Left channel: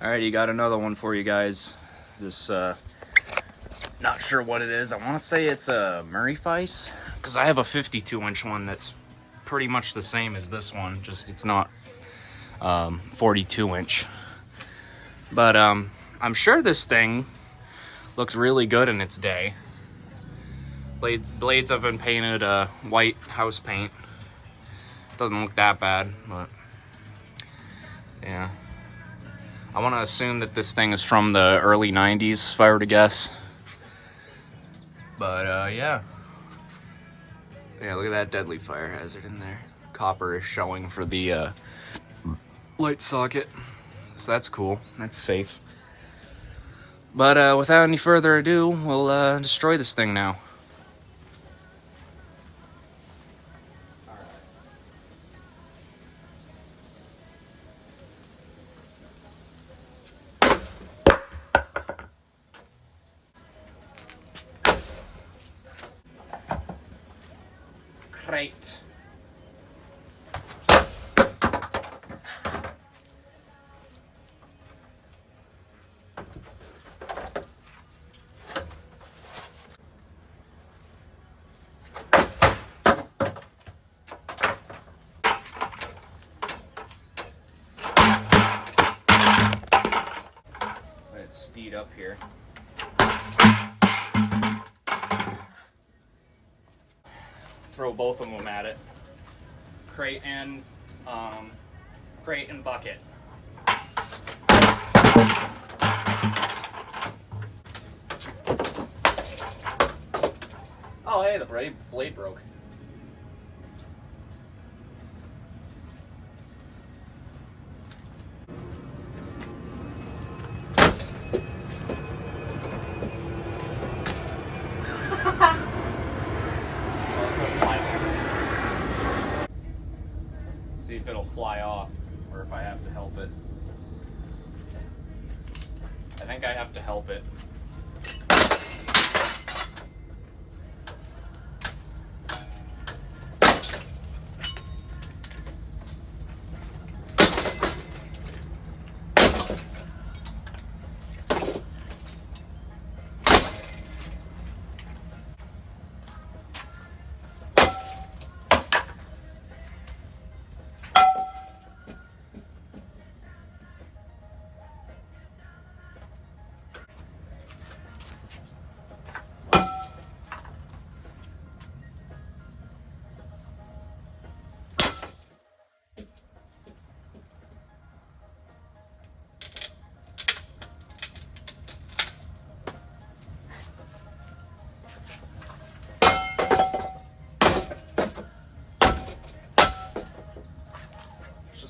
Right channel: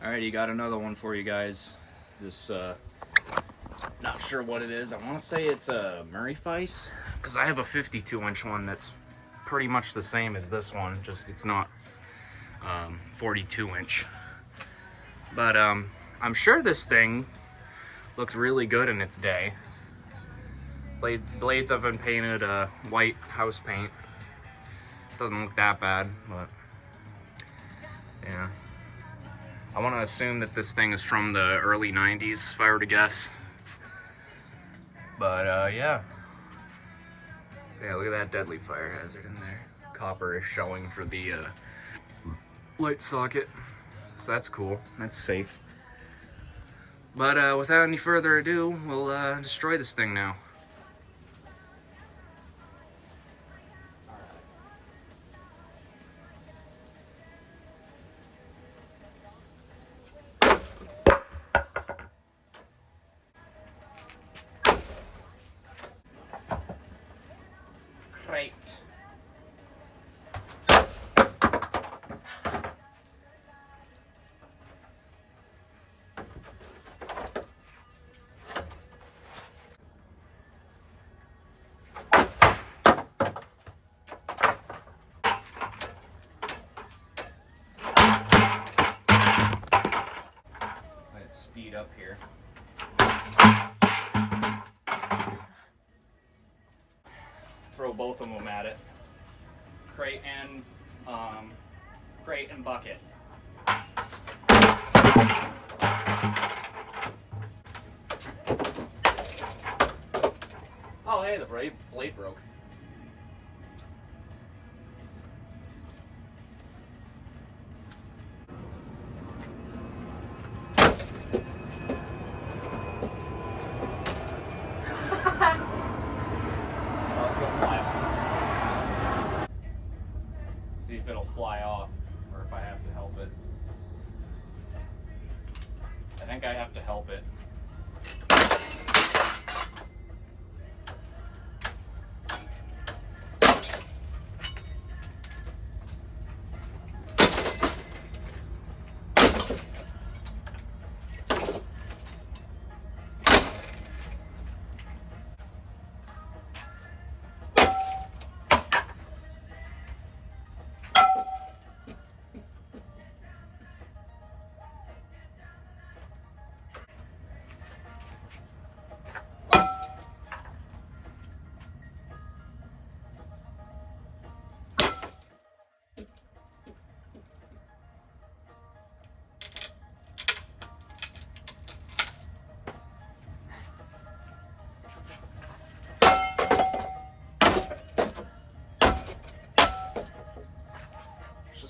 Alrighty, got another one for you guys. This, not sure what it is. I want to say it's a Murray Feiss, because I have a 52-inch one that's pretty much the same as this one, just it's not 42-inch. But I'm sure this thing looks really good in its day. Blades have been painted white house paint. Doesn't look that bad, but yeah. I want to assume that this thing is from the early 90s, if I were to guess. But yeah. Yeah, look at that deadly fire hazard in there. Copper is showing for the light socket. So that's cool. That's safe. But without any further ado, we'll destroy this thing now. Great. Let's speed up here. Throw both of them at it. Crate and bucket. Oh, hey, the blade broke. See if it'll fly off, or if I have to help it. I think I have to help it.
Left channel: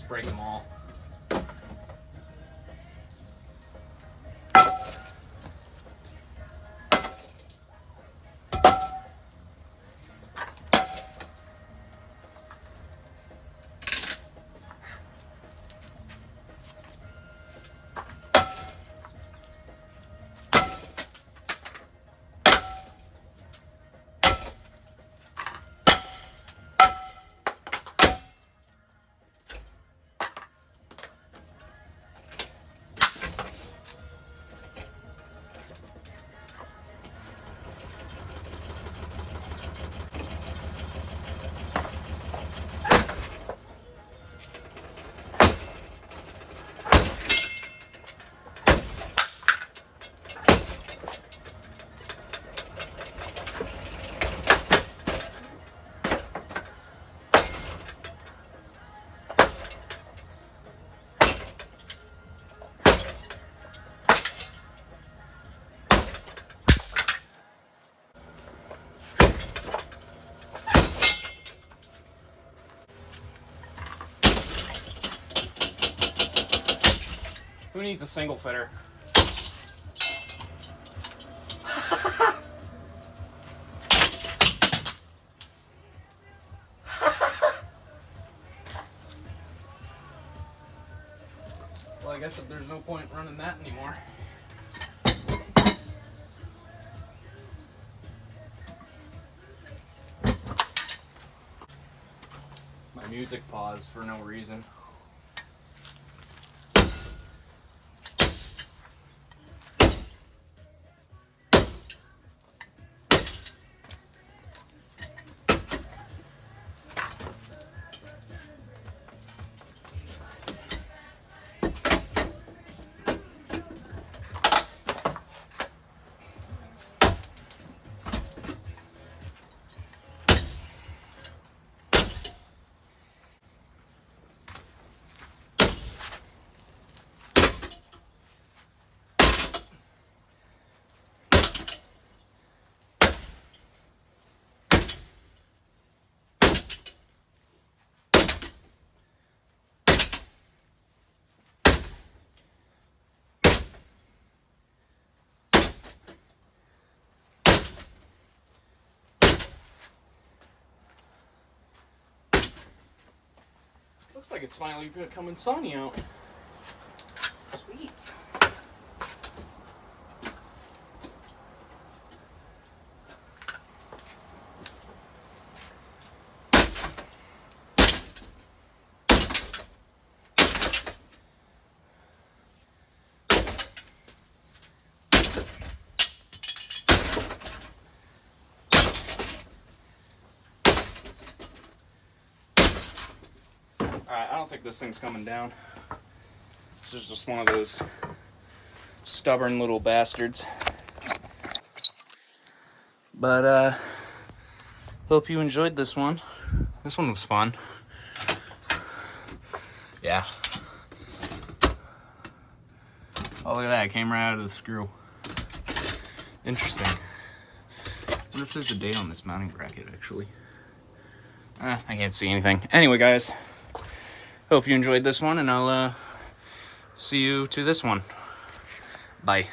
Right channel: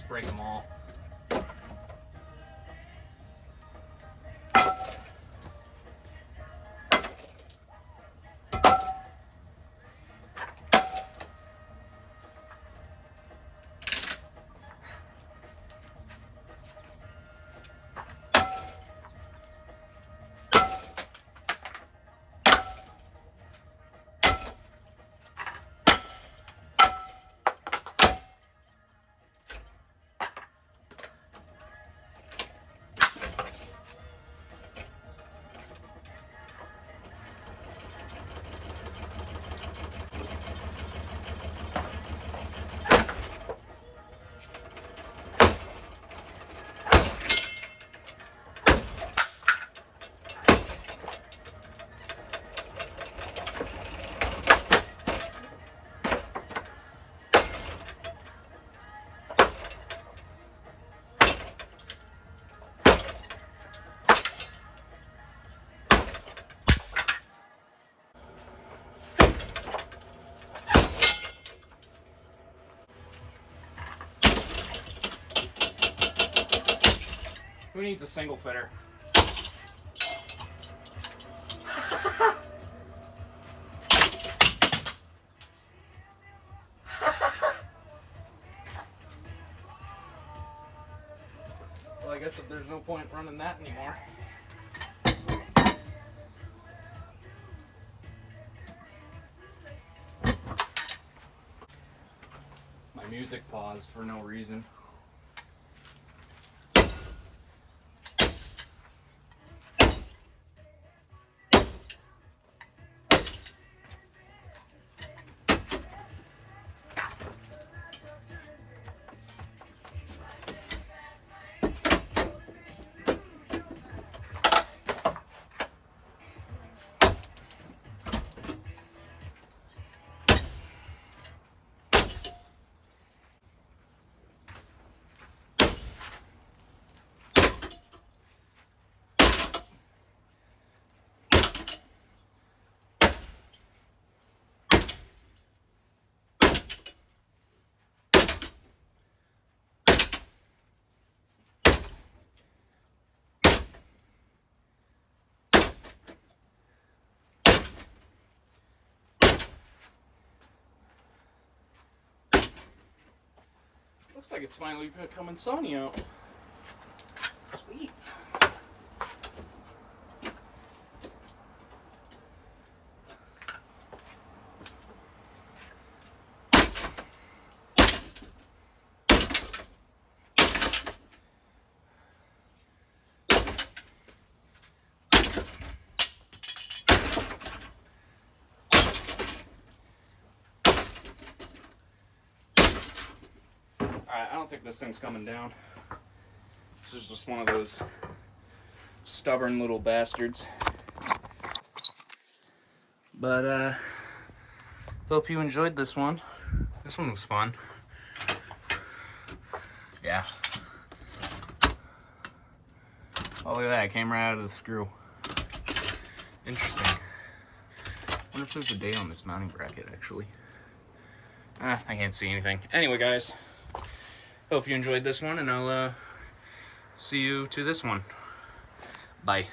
Break them all. Who needs a single fitter? Well, I guess there's no point running that anymore. My music paused for no reason. Looks like it's finally becoming sunny out. Sweet. Alright, I don't think this thing's coming down. This is just one of those stubborn little bastards. But, hope you enjoyed this one. This one was fun. Yeah. Oh, look at that. It came right out of the screw. Interesting. I wonder if there's a date on this mounting bracket, actually. I can't see anything. Anyway, guys. Hope you enjoyed this one, and I'll see you to this one. Bye.